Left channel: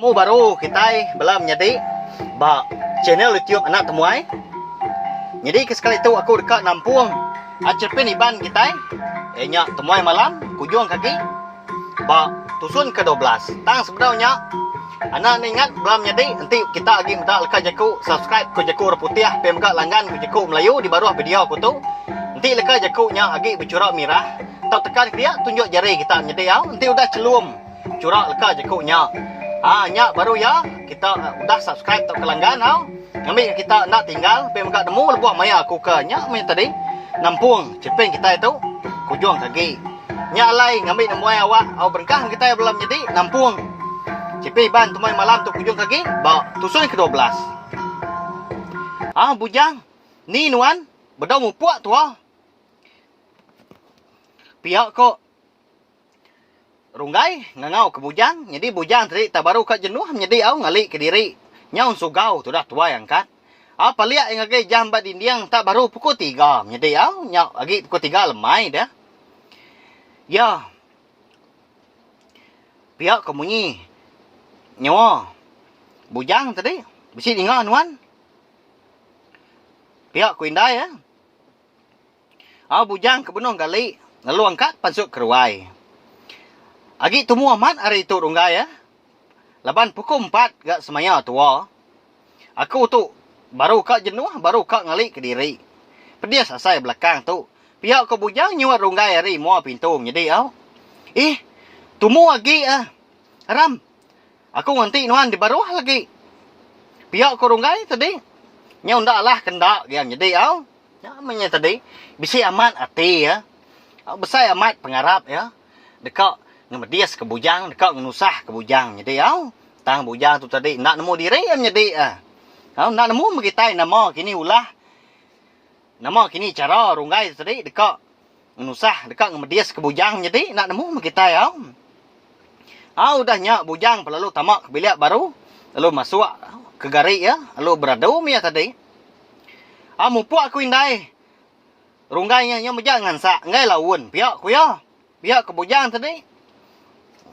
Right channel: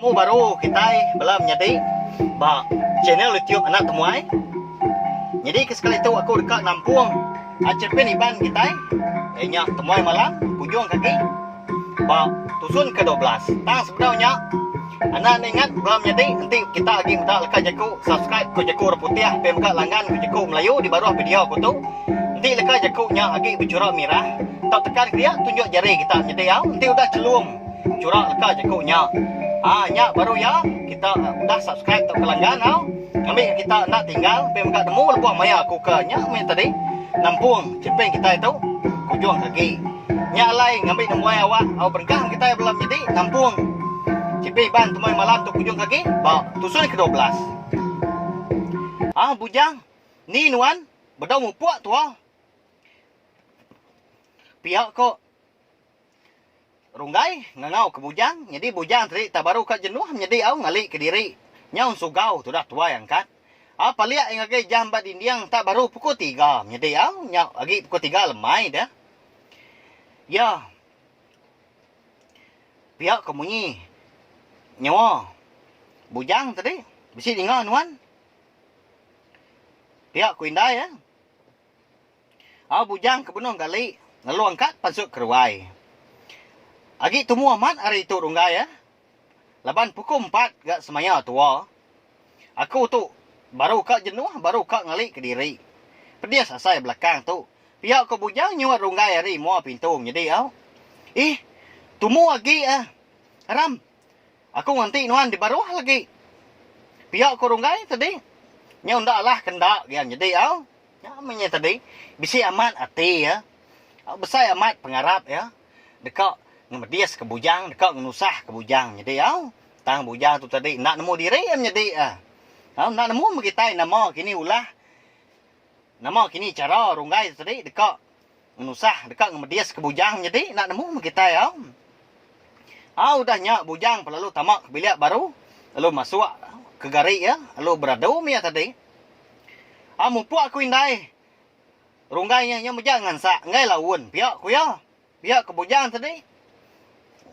Mu baru kita belum jadi ba channel YouTube anak temuai. Jadi sekali itu aku dekat Lampung. Acerpen iban kita. Nya temuai malam kujung kaki. Ba tusun ke-12. Tang sebenarnya anak ingat belum jadi nanti kita lagi minta leka jaku subscribe ku jaku putih pemka langgan ku jaku Melayu di bawah video aku tu. Nanti leka jakunya lagi bercurak merah. Tak tekan dia tunjuk jari kita jadi ya. Nanti udah celum curak leka jakunya. Nyak baru ya kita udah subscribe tak kelanggan tau. Ambil kita nak tinggal pemka demu lebuah maya aku ke nyak main tadi Lampung cepeng kita itu kujung kaki. Nyak lai ngambil nemuai awak awak berkah kita belum jadi Lampung. Cipi ban tumai malam tu kujung kaki ba tusun ke-12. Bujang ni nuan bedau mu puak tu pihak kok runggai ngangau ke bujang. Jadi bujang tadi tak baru kat jenuh menjadi au ngalik ke diri nyaun sugau tu dah tua yang kan. Paliak yang agak jam bat indiang tak baru pukul 3 menjadi au nyau lagi pukul 3 lemai dah. Ya. Pihak kemunyi nyawa bujang tadi bisi dengar nuan. Pihak ku indai ya. Bujang ke benong gali ngalu angkat pansuk keruai. Agi tumu amat hari itu runggai ya. Laban pukul 4 gak semaya tua. Aku tu baru kak jenuh, baru kak ngalik ke diri. Pedias asai belakang tu. Pihak ke bujang nyuat runggai hari mua pintu jadi au. Tumu lagi Ram. Aku nganti nuan di bawah lagi. Pihak ke runggai tadi. Nyau ndak lah kendak yang jadi au. Namanya tadi bisi amat hati ya. Besar amat pengarap ya. Dekat ngemedias ke bujang, dekat ngenusah ke bujang. Jadi au, tang bujang tu tadi nak nemu diri am jadi nak nemu begitai nama kini ulah. Nama kini cara runggai tadi dekat ngenusah, dekat ngemedias ke bujang jadi nak nemu begitai au. Udah nyak bujang lalu tamak ke bilik baru, lalu masuk ke garik ya, lalu beradum ya tadi. Mupuak aku indai. Runggainya yang jangan sak ngai laun pihak ku ya. Pihak ke bujang tadi.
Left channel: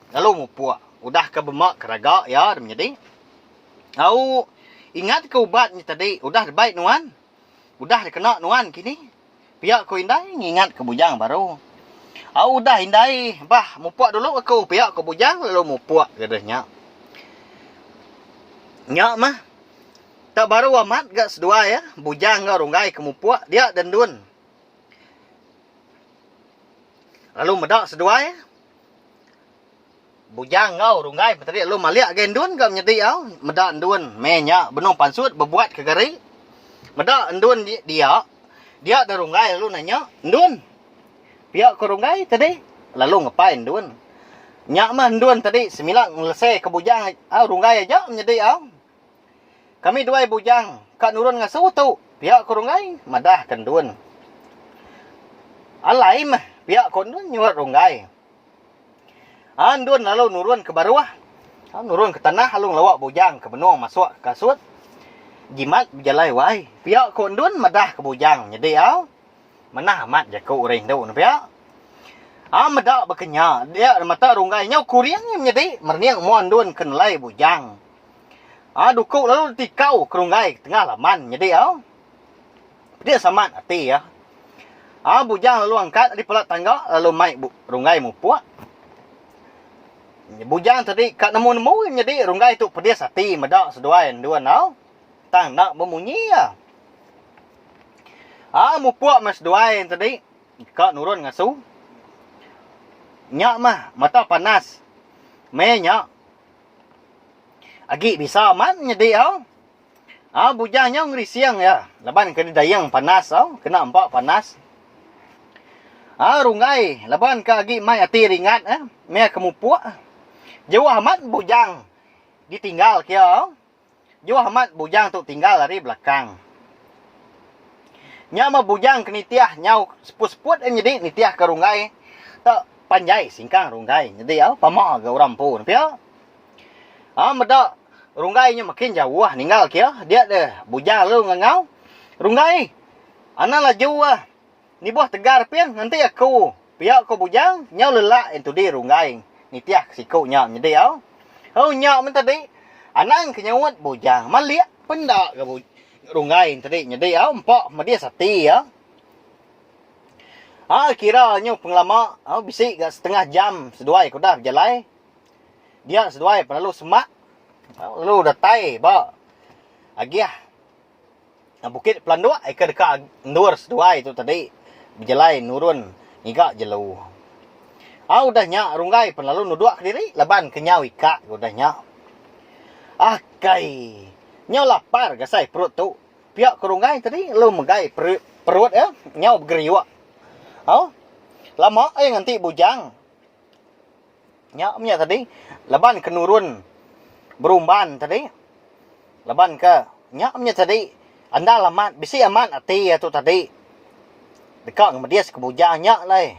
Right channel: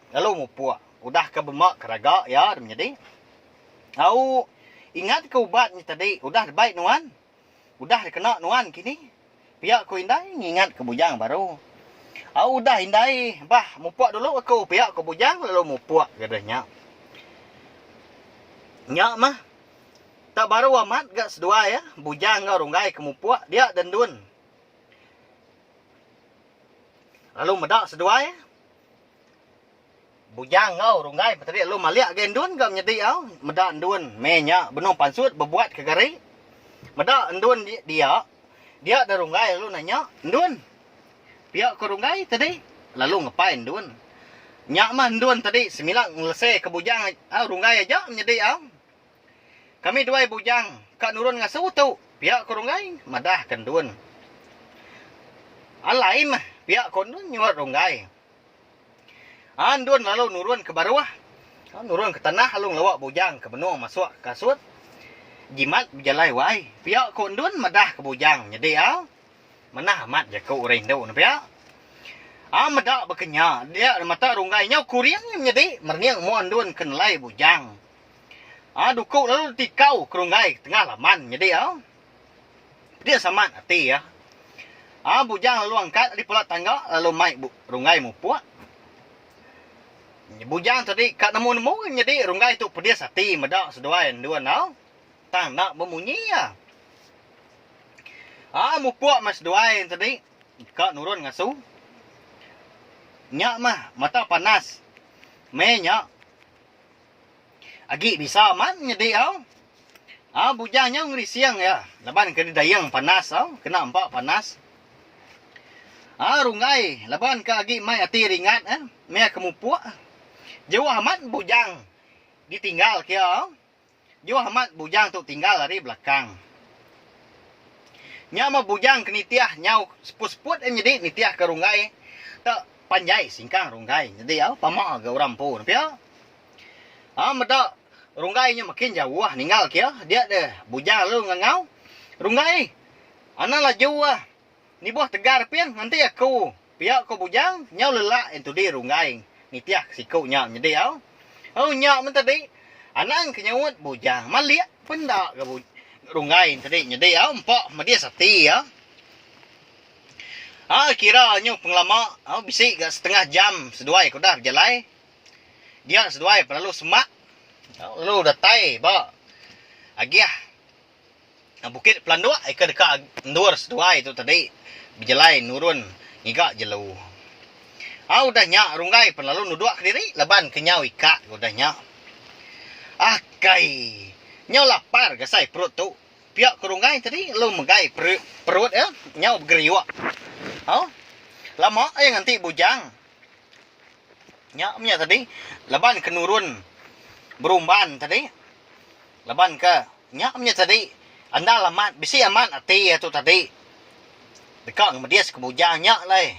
Lalu mupuak udah ke bemak keraga ya menjadi. Ingat ke ubatnya tadi udah baik nuan. Udah dikena nuan kini. Pihak ku indai ingat ke bujang baru. Udah indai. Bah mupuak dulu aku pihak ke bujang lalu mupuak gadahnya. Nyak mah tak baru amat gak sedua ya. Bujang gak runggai ke mupuak dia dendun. Lalu medak sedua ya. Bujang ngau runggai tadi lalu maliak gendun gak menjadi au. Medak endun menya benong pansut berbuat ke gari. Medak endun dia dah runggai lalu nanya, "Endun. Pihak ke runggai tadi?" Lalu ngapain endun? Nyak mah endun tadi semilang ngelesai ke bujang runggai aja menjadi au. Kami dua bujang kak nurun ngasuh tu. Pihak ke runggai madah kendun. Alai mah pihak kondun nyuat runggai. Andun lalu nurun ke bawah. Nurun ke tanah lalu ngelawak bujang ke benung masuk kasut. Jimat berjalai wai. Pihak kondun madah ke bujang. Jadi manah amat jaku rindu na pihak. Madak berkenya. Dia mata runggainya kuriang jadi merniang mu andun kenalai bujang. Dukuk lalu tikau ke runggai tengah laman jadi dia samat hati ya. Bujang lalu angkat di pelat tangga lalu mai runggai mupuak. Bujang tadi kat nemu-nemu jadi runggai tu pedes hati medak seduan dua tang nak bemunyi ya. Mupuak mas duain tadi kat nurun ngasuh. Nyak mah mata panas. Menyak agi bisa amat jadi bujangnya ngerisiang ya. Laban ke dayang panas kena empak panas. Runggai laban ke agi mai ati ringat me kemupuak. Jauh amat bujang ditinggal kia. Jauh amat bujang tu tinggal dari belakang. Nya mah bujang kenitiah nyau seput-seput jadi nitiah ke runggai. Tak panjai singkang runggai. Jadi pamak ke orang pun pia. Medak runggainya makin jauh ninggal kia. Dia deh bujang lalu ngangau. Runggai. Ana lah jauh ni buah tegar pian nanti aku. Pihak ko bujang nyau lelak itu di runggai. Nitiah sikunya jadi nyak men tadi Anang kenyawat bujang. Maliak pendak ke rungai tadi. Jadi empok dia sati ya. Kiranya penglama bisik ke setengah jam seduai ko dah berjalai. Dia seduai lalu semak. Lalu datai ba. Agiah. Bukit Pelandua dekat ndur seduai tu tadi. Berjalai nurun ngigak jelu. Udah nyak rungai lalu nuduk ke diri leban kenyau ikak udah nyak. Kai. Nyau lapar gasai perut tu. Piak ke rungai tadi lu megai perut ya. Nyau bergeriwak. Lama yang nanti bujang. Nyaknya tadi leban ke nurun berumban tadi. Leban ke nyaknya tadi anda lamat bisi aman ati tu tadi. Dekat ngedias ke bujang nyak lah.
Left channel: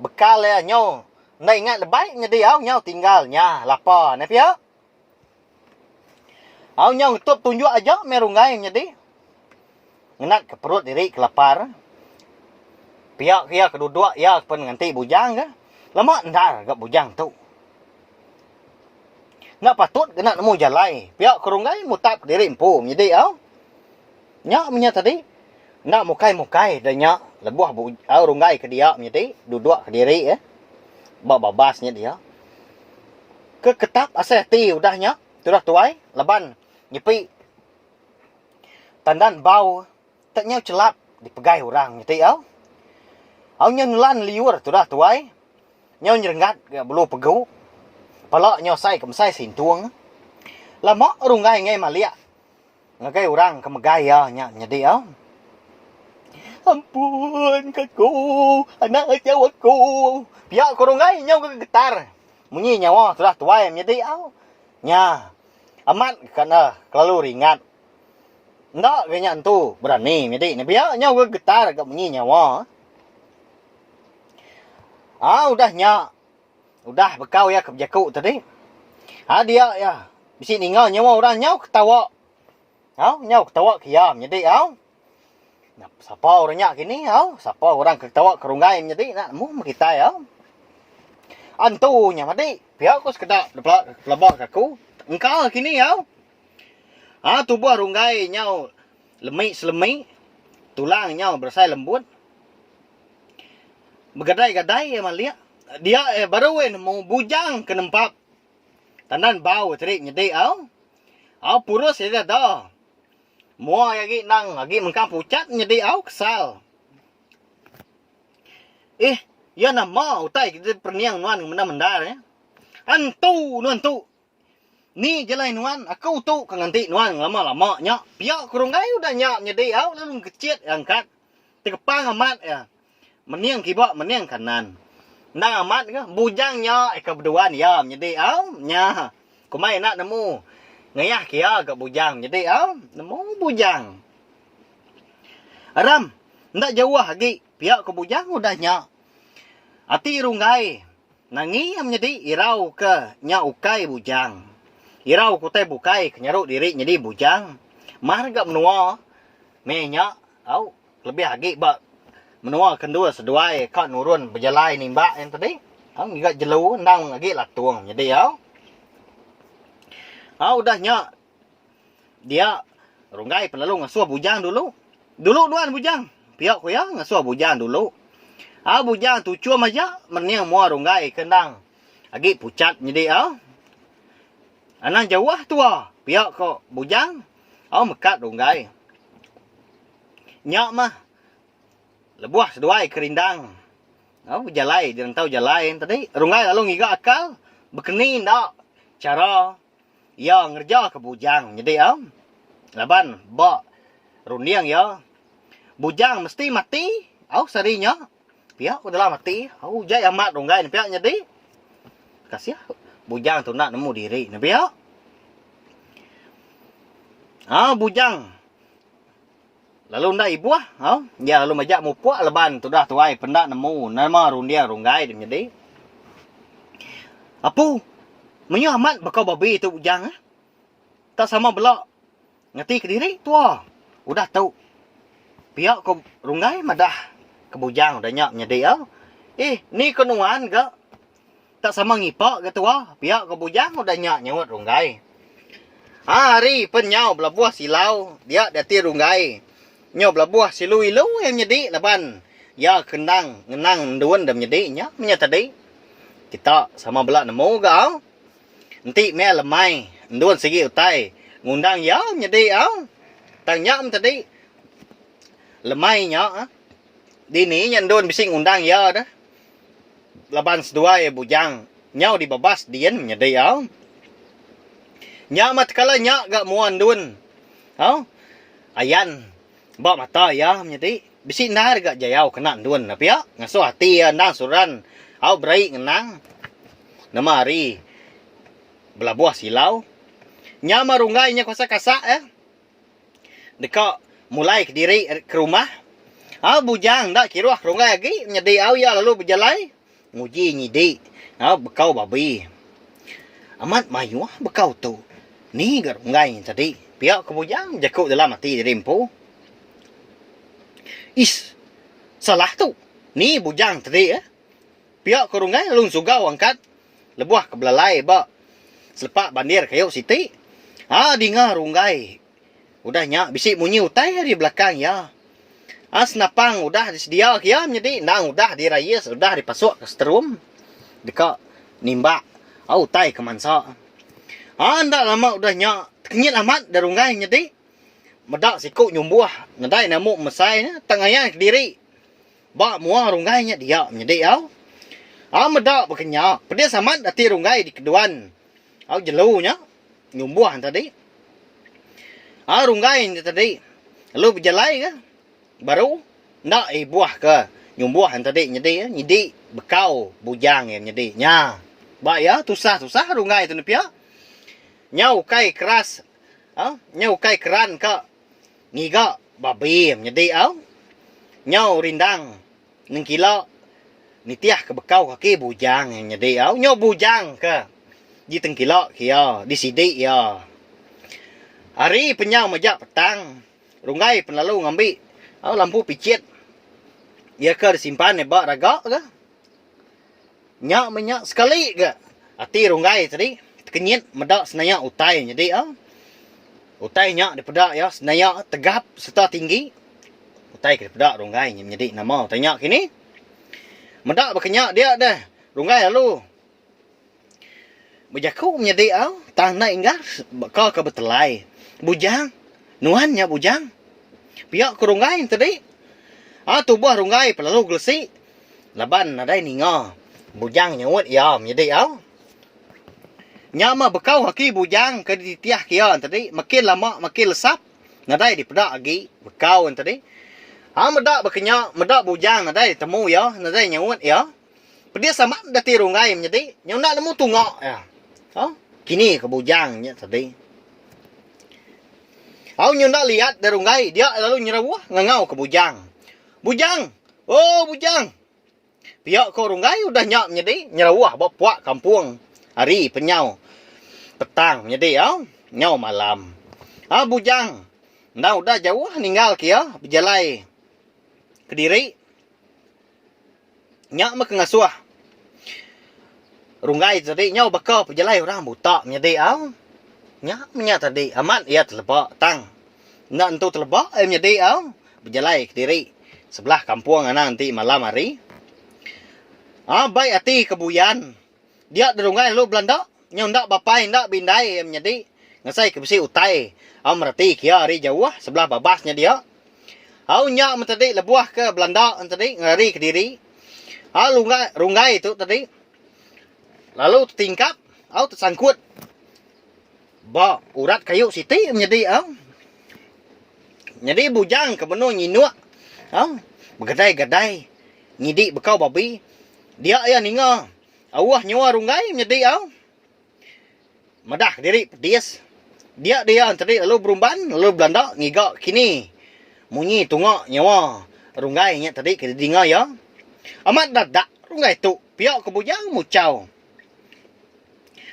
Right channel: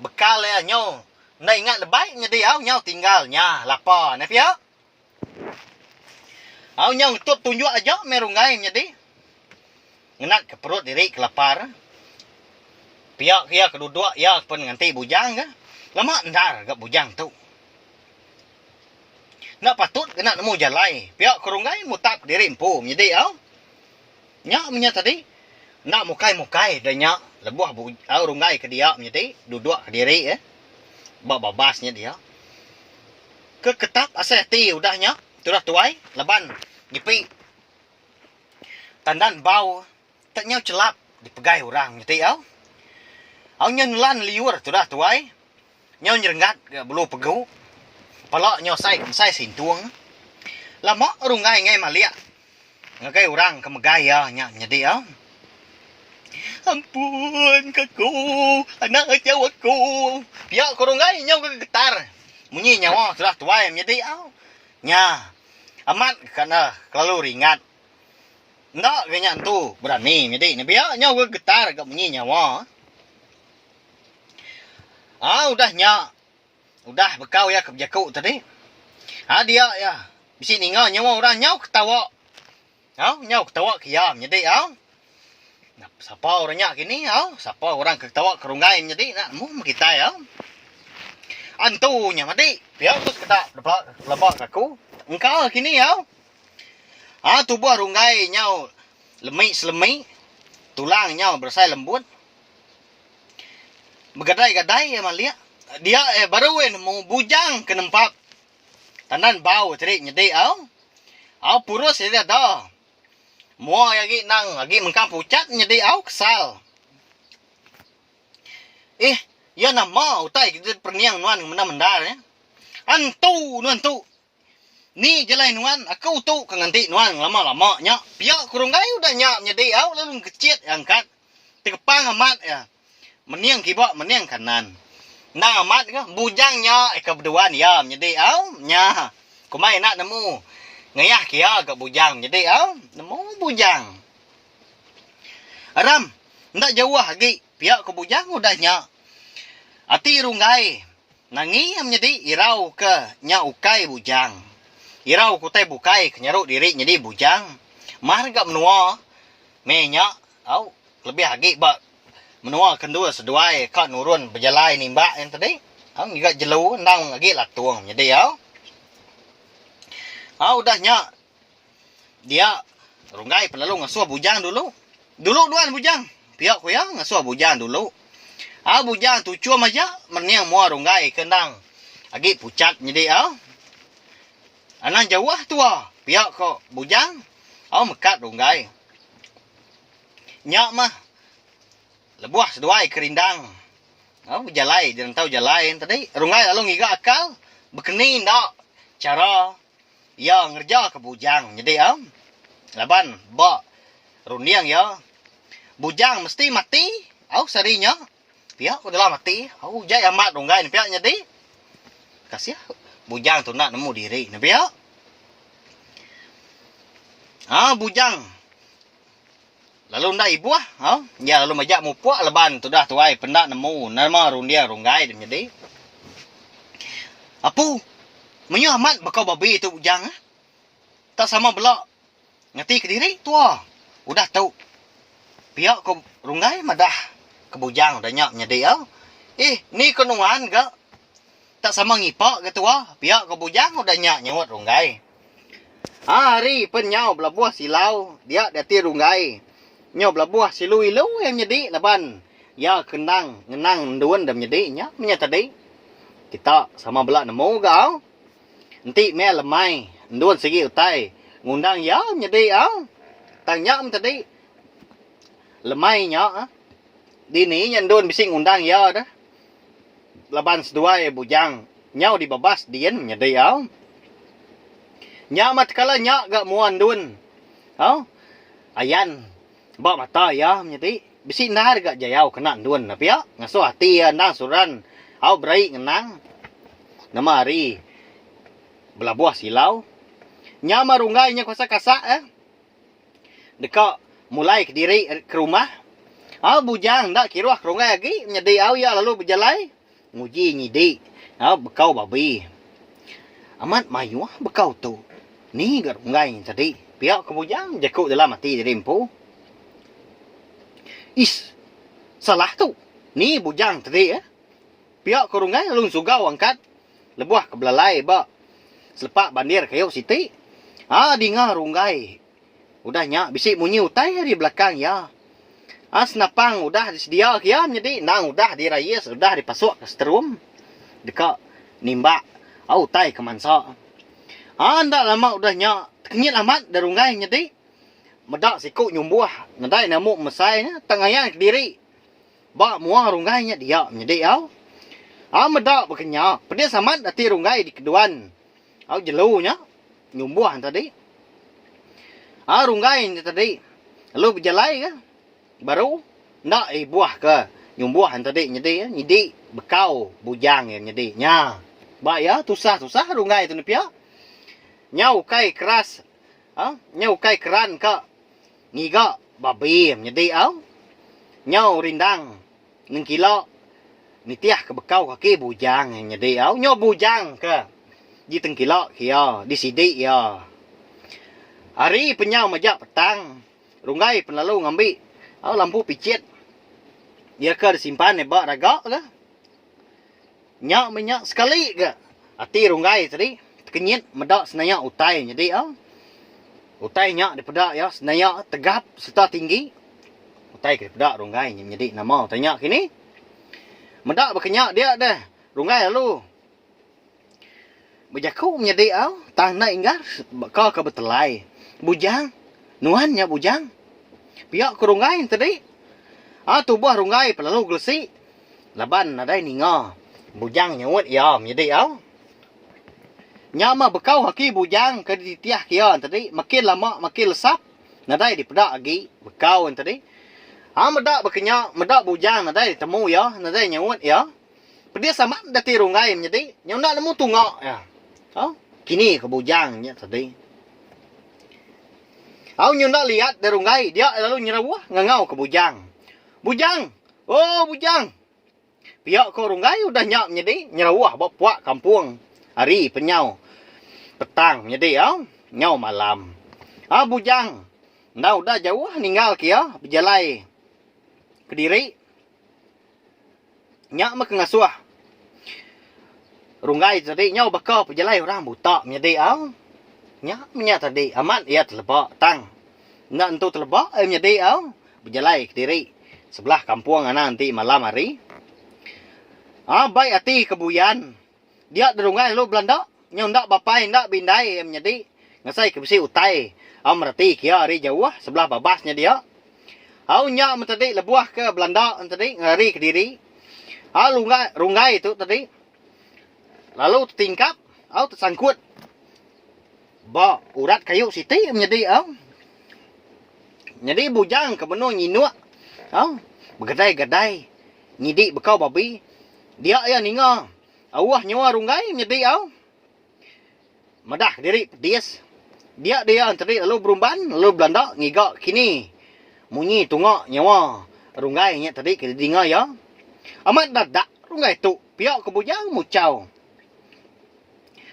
Bekal ya nyau. Nak ingat lebay ngedi nyau tinggalnya lapar ne piak. Nyau tutup tunjuk aja merungai jadi. Ngenat ke perut diri kelapar. Piak ya kedua ya pun nganti bujang ke. Lama ndar gak bujang tu. Nak patut kena nemu jalai. Piak kerungai mutap diri empu jadi nyak punya tadi nak mukai dan nyak lebuh rungai ke dia jadi duduk ke diri babasnya dia. Ke ketap aseti udahnya sudah tuai leban ngipi tandan bau tak nyau celap dipegai orang jadi nyelan liur sudah tuai nyau nyerenggat belu pegu pala nyau sai kemsai sintuang lama rungai ngai malia ngagai orang kemegai nya jadi ampun kaku anak jauh aku piak kurungai nyau getar munyi nyawa sudah tuai jadi nya amat karena kelalu ringat ndak kayaknya tu berani jadi piak nyau getar gak munyi nyawa udah nya udah bekau ya kejaku tadi dia ya bisi ninggal nyawa orang nyau ketawa nyau ketawa kiam jadi siapa orangnya kini siapa orang ketawa kerungai jadi nak mu kita antunya mati biar terus kita lebak aku engkau kini tubuh rungai nyau lemik tulang nyau bersai lembut begadai-gadai malia dia baru mau bujang ke nempat tanan bau tadi jadi purus dia dah mua lagi nang lagi mengkang pucat jadi kesal ya nama utai perniang nuan mendar ya antu ni jelai nuan aku tu kanganti nuan lama-lama nya pia kurungai udah nya jadi lalu kecit angkat tekepang amat ya meniang kibak meniang kanan nang amat ke bujangnya kebeduan ya jadi nya kumai nak nemu ngayah kia ke bujang jadi nemu bujang aram ndak jauh lagi pihak ke bujang udah nya ati rungai nangi jadi irau ke nya ukai bujang irau kutai bukai kenyaruk diri jadi bujang mar gak menua menya lebih lagi bak menua kendua seduai kak nurun berjalai nimba yang tadi juga jelu ndang lagi latuang jadi udahnya dia rungai lalu ngasuh bujang dulu duan bujang pihak ku ngasuh bujang dulu bujang tu cuma aja meniang mua rungai kendang lagi pucat jadi anak jauh tua pihak kok bujang mekat rungai nyak mah lebuah seduai kerindang jalai dia tahu jalai tadi rungai lalu ngiga akal berkenin dak cara ya ngerja ke bujang jadi laban rundiang ya bujang mesti mati sarinya pihak udah mati jai amat rungai ni pihak jadi kasih bujang tu nak nemu diri ni pihak bujang lalu ndak ibu ya lalu majak mupuak leban tu dah tuai pendak nemu nama rundiang rungai jadi apu menyo amat bakal babi tu bujang tak sama belak ngerti ke diri tua udah tahu pihak ke rungai madah ke bujang udah nyak nyedi ni kenuan ke tak sama ngipak ke tua pihak ke bujang udah nyak nyawat rungai Hari penyau belabuah silau, dia dati runggai. Nyau belabuah silu ilu yang nyedi laban. Ya kenang, ngenang duan dam nyedi nya menya tadi. Kita sama belak nemu gau. Nanti me lemai, duan segi utai. Ngundang ya nyedi au. Tang nya tadi. Lemai nya. Dini nya duan bising undang ya dah. Laban sedua bujang. Nyau dibabas dien nyedi au. Nya mat kala nya gak muan dun. Au. Ayan. Ba mata ya nyedi. Bisi nar gak jayau kena dun tapi ya ngaso hati nang suran. Au brai ngenang. Nama hari belabuah silau. Nya marunggai nya kuasa kasak Deka mulai ke diri ke rumah. Au bujang dak kiruah runggai lagi nyedi au ya lalu berjalai. Nguji nyidi. Au bekau babi. Amat mayu bekau tu. Ni garungai tadi. Pihak kebujang jakuk dalam hati rimpu. Is. Salah tu. Ni bujang tadi Pihak kerungai lung sugau angkat. Lebuah kebelalai ba. Selepak bandir kayu siti. Dengar runggai. Udahnya bisik munyi utai di belakang ya. Senapang udah disedia kia jadi nang udah dirayis, udah dipasuk ke setrum. Deka nimba. Utai ke mansa. Ndak lama udahnya kenyit amat darunggai nyedi. Medak siku nyumbuah, nadai namu mesai tengayan ke diri. Ba muah runggainya dia nyedi au. Medak bekenya, pedes amat dati runggai di keduan. Au jelunya nyumbuah tadi. Runggai tadi. Lalu berjalai ke? Baru ndak buah ke nyumbuah tadi nyedi nyedi bekau bujang nyedi nya. Ba ya tusah runggai tu nepia. Nyau kai keras. Nyau kai keran ka. Ngiga babi nyedi au. Nyau rindang neng kilo. Nitiah ke bekau kaki bujang nyedi au. Nyau bujang ke. Di teng kilo kia. Di sidik ya. Hari penyau majak petang. Runggai penlalu ngambil. Lampu picit. Ya ke disimpan bak ragak ke. Nyak menyak sekali ke. Hati runggai tadi. Kenyit medak senaya utai jadi utai nya dipedak ya senaya tegap serta tinggi utai ke pedak runggai jadi nama tanya kini medak berkenyak dia dah runggai lalu berjaku menjadi tang na ingat kau ke betelai bujang nuannya bujang pihak ke runggai tadi tubuh runggai pelalu gelesi laban ada ninga bujang nyawut ya menjadi Nyama bekau haki bujang ke ditiah kia tadi makin lama makin lesap nadai dipedak lagi bekau tadi medak bekenya medak bujang nadai temu ya nadai nyawut ya pedia sama dati runggai menjadi yang nak nemu tungak ya kini ke bujangnya tadi nyunda lihat dari runggai dia lalu nyerawah ngangau ke bujang bujang pihak ke runggai udah nyak menjadi nyerawah bapak kampung hari penyau petang jadi nyau malam bujang ndak udah jauh ninggal kia berjalai ke diri nyak mak ngasuah runggai tadi nyau bakal berjalai orang buta menjadi nyak menya tadi amat ia terlebak tang ndak entu terlebak menjadi berjalai ke diri sebelah kampung nanti malam hari baik hati kebuyan dia derungai lu Belanda nyau ndak bapai ndak bindai menjadi ngasai ke besi utai merati kia hari jauh sebelah babasnya dia nya tadi lebuah ke Belanda tadi ngari ke diri runggai itu tadi lalu tingkap tersangkut ba urat kayu siti menjadi jadi bujang ke benu nyinuk begadai-gadai ngidik bekau babi dia ya ninga awah nyawa runggai menjadi medah diri pedis dia tadi lalu berumban lalu Belanda ngiga kini munyi tungak nyawa runggai nya tadi ke dinga ya amat dadak runggai tu pihak ke bujang mucau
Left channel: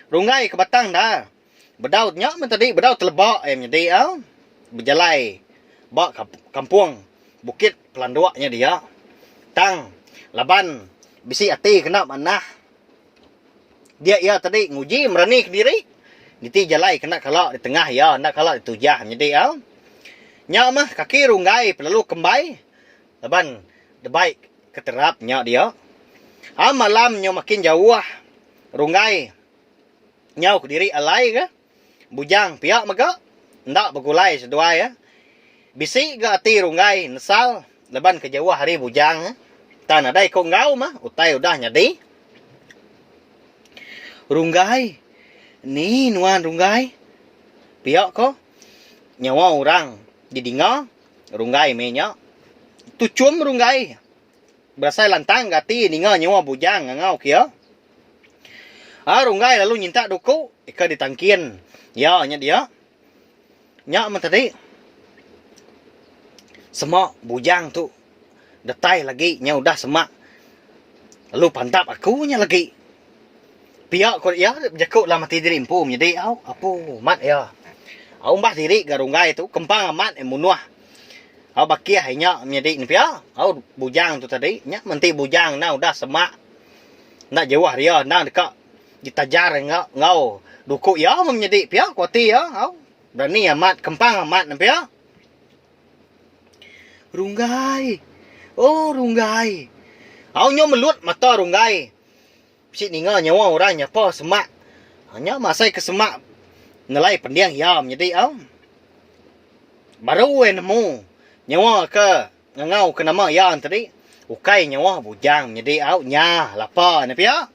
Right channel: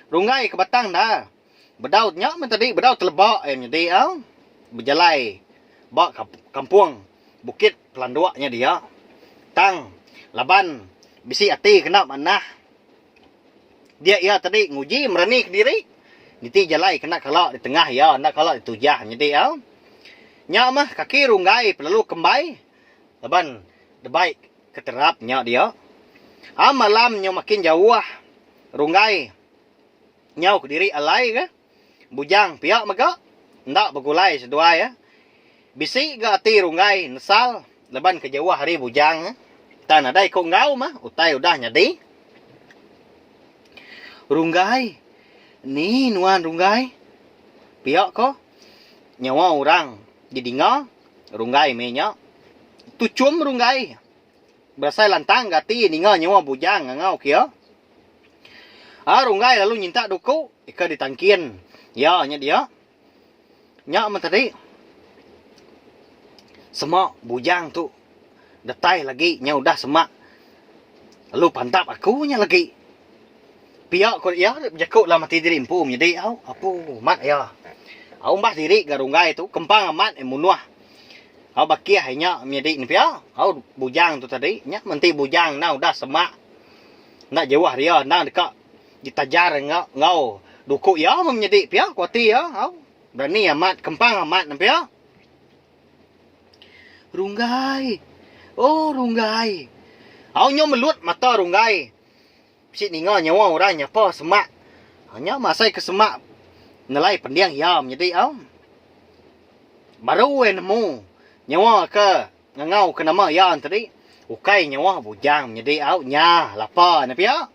runggai ke batang dah bedautnya tadi bedaut telebak menjadi berjalai bak kampung bukit pelanduaknya dia tang laban bisi ati kena manah dia tadi nguji merani ke diri Niti jalai kena kalak di tengah ya, nak kalak di tujah jadi au. Nya mah kaki runggai perlu kembai. Laban debaik keterap nya dia. Malam nyo makin jauh runggai. Nyau ke diri alai ke. Bujang piak maka ndak begulai sedua ya. Bisi ga ati runggai nesal laban ke jauh hari bujang. Tan adai ko ngau mah utai udah nyadi. Runggai. Ni nuan runggai. Piak ko. Nyawa orang didinga runggai menya. Tucum runggai. Berasai lantang gati ninga nyawa bujang ngau kia. Runggai lalu nyinta duku ika ditangkin. Ya nya dia. Nya man tadi. Semak bujang tu detai lagi nya udah semak. Lalu pantap aku nya lagi. Piak ko ya jakuk lah mati diri empu jadi au apu mat ya. Au mbah diri garunggai tu kempang amat emunuah. Au bakia hanya menjadi ni pia. Au bujang tu tadi nya menti bujang na udah semak. Nak jauh dia na dekat ditajar ngau duku ya menjadi pia kuati ya au. Berani amat kempang amat na pia. Runggai. Oh runggai. Au nyo melut mata runggai. Si ninga nyawa orang nyapa semak. Hanya masai ke semak. Nelai pendiang ya menjadi au. Baru nemu nyawa ke ngau ke nama ya tadi. Ukai nyawa bujang menjadi au nya lapa na pia.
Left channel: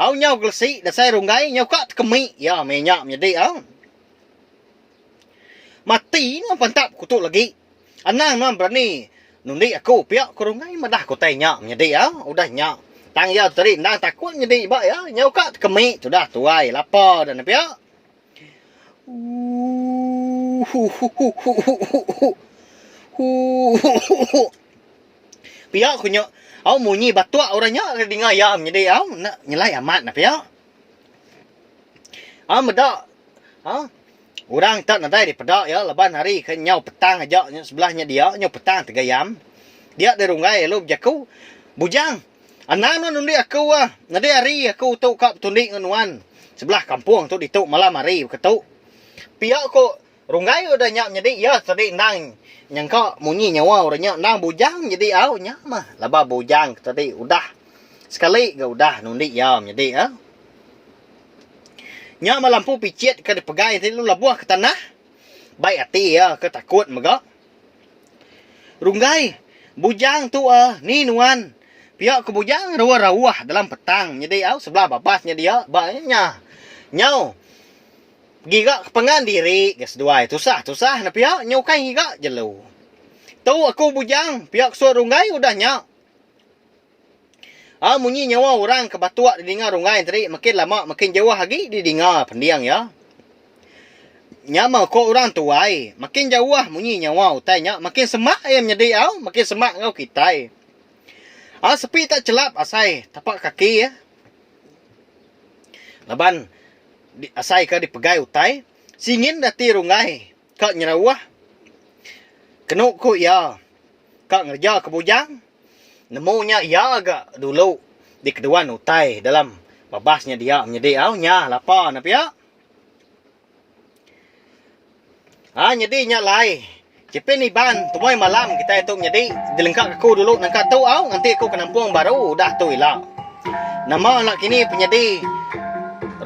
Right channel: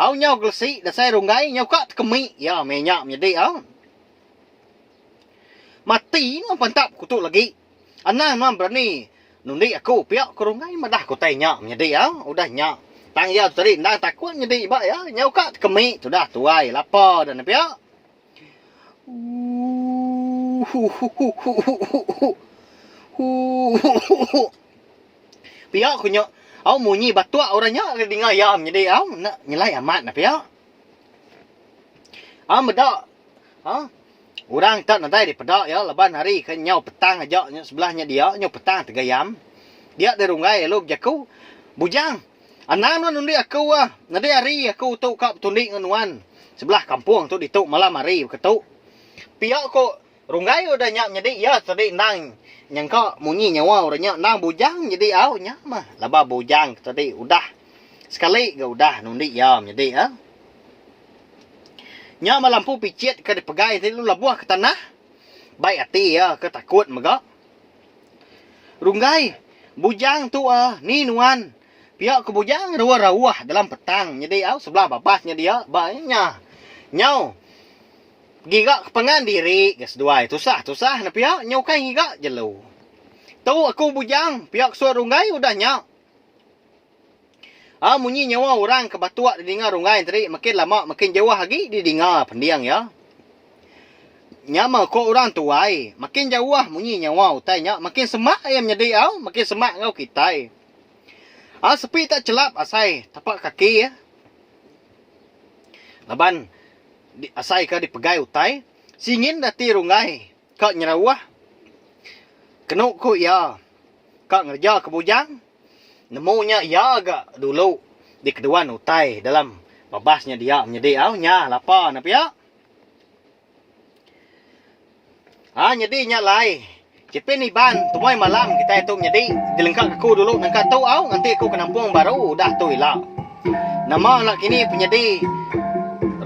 Au nyau glesi dasai runggai nyau kat kemi ya menyak menjadi au. Mati no pantap kutuk lagi. Anang no berani nundi aku pia ke runggai madah ku tanya menjadi au udah nyak. Tang ya tadi nang takut jadi ba ya nyau kat kemi sudah tuai lapa dan pia. Pia ku nyok au munyi batua orangnya dengar ya jadi au nak nyelai amat na pia. Medak. Orang tak nadai di pedak ya leban hari ke nyau petang aja sebelahnya dia nyau petang 3 jam. Dia di runggai lu jaku bujang. Anang nundi aku nadi hari aku tu kap tundi nganuan sebelah kampung tu dituk malam hari ketuk. Pia ko runggai udah nyak jadi ya tadi nang nyangka munyi nyawa udah nyak nang bujang jadi au nya mah laba bujang tadi udah sekali ga udah nundi ya jadi ya. Nya lampu picit ke dipegai tadi lu labuah ke tanah. Baik hati ya ke takut maga. Runggai bujang tu ni nuan. Pihak kebujang rawah-rawah dalam petang. Jadi au sebelah babasnya dia. Banyak. Nyau. Giga kepengan diri. Gas dua itu sah na pihak. Nyau kai giga jelu. Tahu aku bujang. Pihak suara runggai udah nyau. Munyi nyawa orang kebatua didengar runggai tadi. Makin lama makin jauh lagi didengar pendiang ya. Nyama ko orang tuai. Makin jauh munyi nyawa utainya. Makin semak ayam jadi au. Makin semak ngau kitai. Sepi tak celap asai tapak kaki ya. Laban asai ka dipegai utai. Singin dati runggai. Kak nyerawah. Kenuk ko ya. Kak ngerja ke bujang. Nemunya ya agak dulu. Di keduan utai dalam babasnya dia menjadi aunya lapa na pia. Jadi nya lai. Cepin iban, tumoy malam kita itu jadi dilengkap aku dulu nangka tahu au nanti aku ke Nampung baru udah tu ila. Nama nak kini penyedi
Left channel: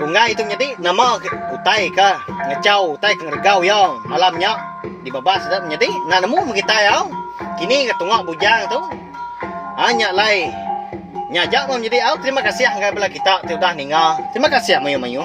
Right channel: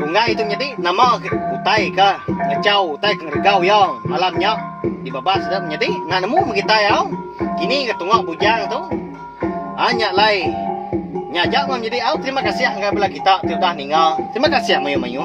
runggai itu jadi nama utai ka ngecau utai ke ngergau ya malamnya di babas dah menjadi nah nemu kita ya. Kini ketungak bujang tu. Hanya lai nyajak menjadi au terima kasih enggak bela kita sudah ninggal. Terima kasih mayu-mayu.